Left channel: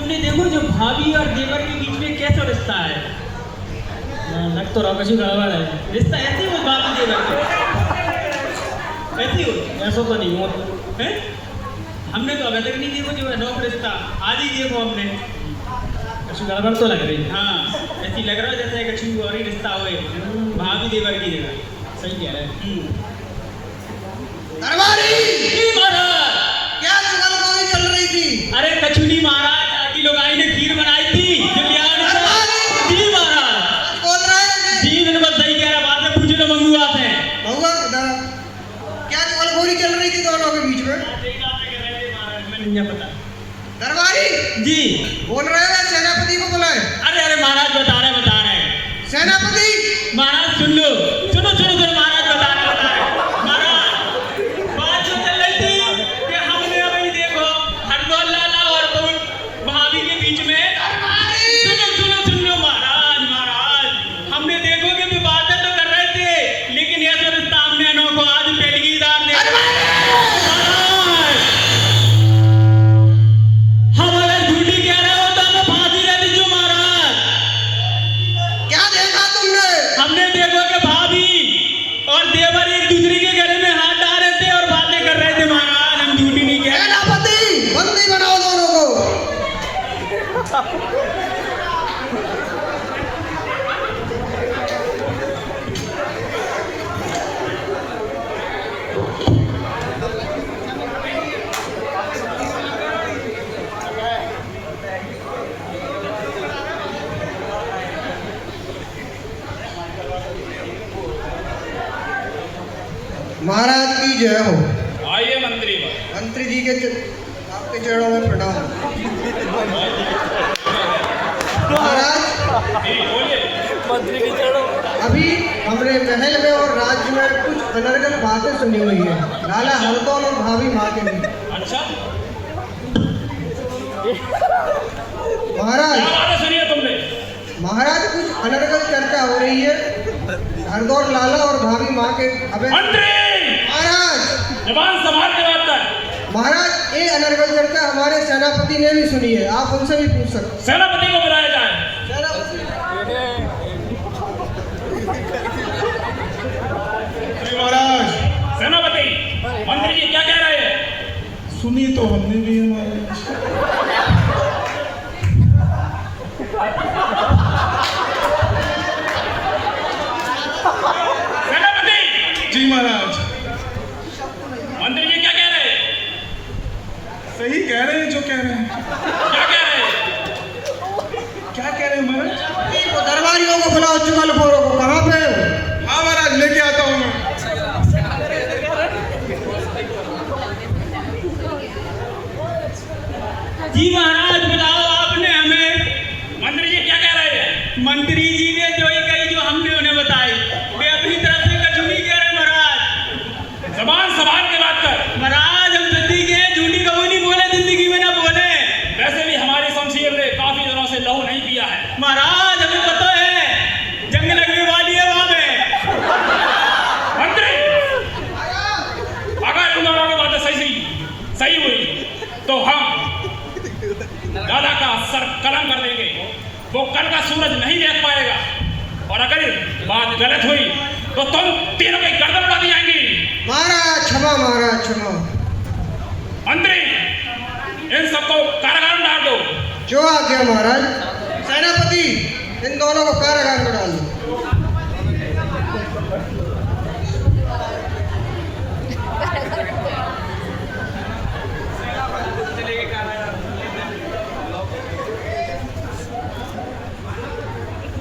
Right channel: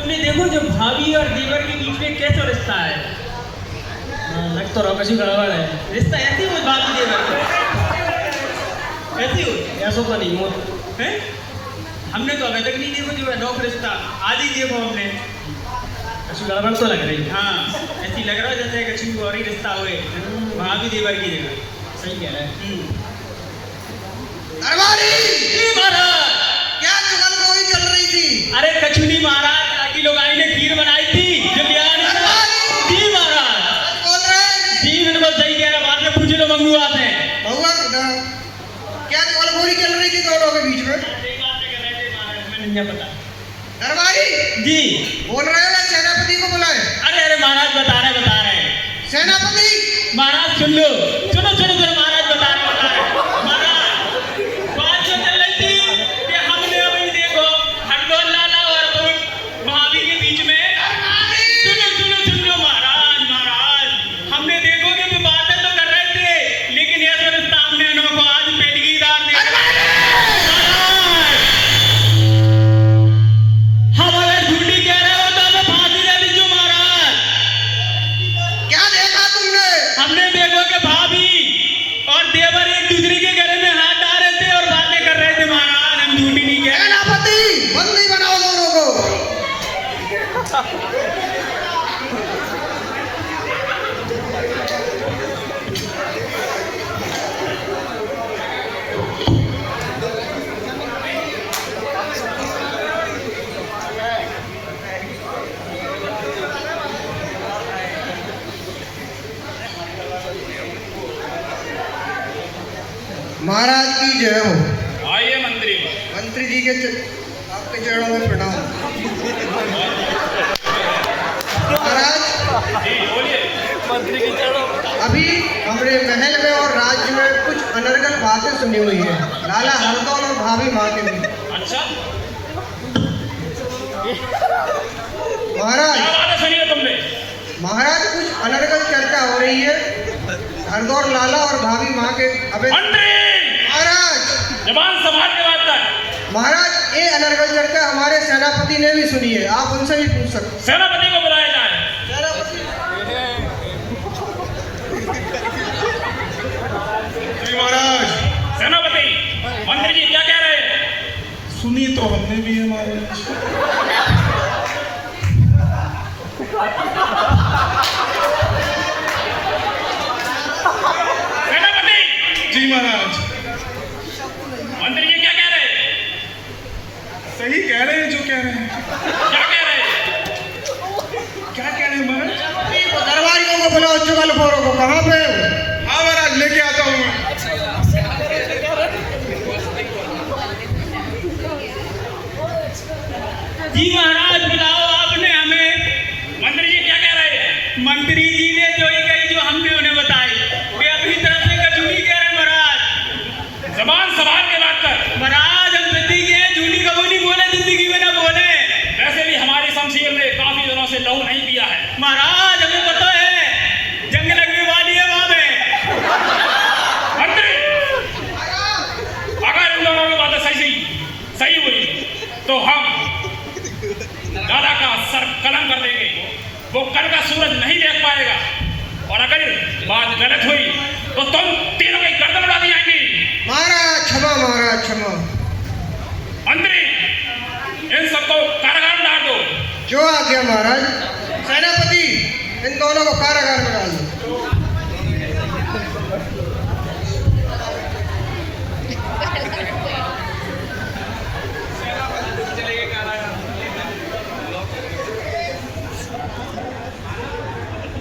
तुमने देखो जो भाभी और देवर के बीच में कैसा रिश्ता है। लग तो रहा कुछ गड़बड़ है। रिश्ता ऐसे ही हो भाभी देवर ऐसे हो? ऐसा तो नहीं हो हैं? हमने तो अभी तक नहीं देखो कि अनोख रिश्ता आज ही देखो हमने। कुछ गड़बड़ तो लग रही है। हाँ ऐसी लग रहा है जैसे कि छू और ही रिश्ता हुए भाभी देवर की जगह। सही कह रहे हैं। महाराज क्या चुगलखोरी चल रही थी? अरे कचुनी महाराज काकी लोगाई ने खीर बनाई थी जो बिहार में। जी महाराज बोल रहे हैं जी बिल्कुल सही कह रहा। बाद में पूछ लो मंगू आते हैं। बहुआ क्या चुगलखोरी चल रही थी दोनों के बीच में? सही बात कर रहे थे महाराज मैंने नहीं पता। दरबारी जी बोल रहे हैं सेनापति को बुलाए। अरे अरे महाराज बता रहे हैं। सेनापति महाराज सुन लो महाराज बता रहे महाराज बात जो चल रही थी कि हमने अभी देखो हरदौल लाला और भाभी के बीच में सुनो महाराज हमने देखो कि विवादत तो कर रहे थे लेकिन यह सब रिश्ता हमने अनोखो आज पेटगीदार ने हम अगर झूठी कह रहे हो तो हमें फांसी दे दीजिए महाराज। क्या देखा तुमने? हमने देखो कि भाभी और देवर एक दूसरे के गले में हाथ डाल रहे थे और बातें कर रहे थे महाराज। हम झूठी नहीं कह रहे। सेनापति बंदी बनाओ दोनों को। महाराज की जय हो। आइए मंत्री मंत्री जी के आपके चरणों में प्रणाम। महाराज अभी हमारे महल में और राज्य में कुछ अनर्गल बातें सुनी हुई है लाला हरदौल और भाभी माँ के लिए। अच्छा महाराज सुनिए तुमने। महाराज कुछ अनर्गल चर्चा हो रही है हरदौल लाला और भाभी माँ के। अबे मंत्री महाराज जबान संभाल के बात कर। महाराज ये अनर्गल चर्चा हमारे सेनापति ने भी सुनी है आप उनसे भी पूछ सकते हैं। सेनापति को बुलाया जाए। महाराज सेनापति मंत्री जी क्या कह रहे हैं? सुनी तो हमने भी हमारे सेनापति जी महाराज मंत्री जी क्या कह रहे हैं? सही कह रहे हैं जो कह रहे हैं। क्या कह रहे हैं? क्या कह रहे हैं महाराज? दरबारियों को बुलाओ चुगलखोरों को। कहाँ पे हो? हाँ महाराज लेके आता हूँ मैं। जी महाराज बुलाओ आपने हमें। मंत्री जी क्या कह रहे हैं? मंत्री जी ने जो ये कही जो हमने उन्हें बताई वे अपनी तरफ से कचूनी कह रहे हैं महाराज। जबान संभाल के बात कर। महाराज हम सच्ची के झूठी कभी नहीं बोले जिंदगी में ना बोले। वैसे भी हमारी शमशीर ने काफी दिनों से लहू नहीं पिया है महाराज हमें पता है जंग लगने वाली है वहां में। मंत्री अगर उन दोनों की बातें सही हुई तो हम दादा का सर कलम कर देंगे। वो कल का सूरज नहीं देख पाएगा और अगर बात गलत हुई तो तुम तीनों की गर्दन उड़ा दी जाएंगी। महाराज क्षमा महाराज क्षमा। मंत्री इन सबको कारागार में डाल दो। जो आ गया महाराज। सेनापति इन दोनों को कारागार में डाल दो।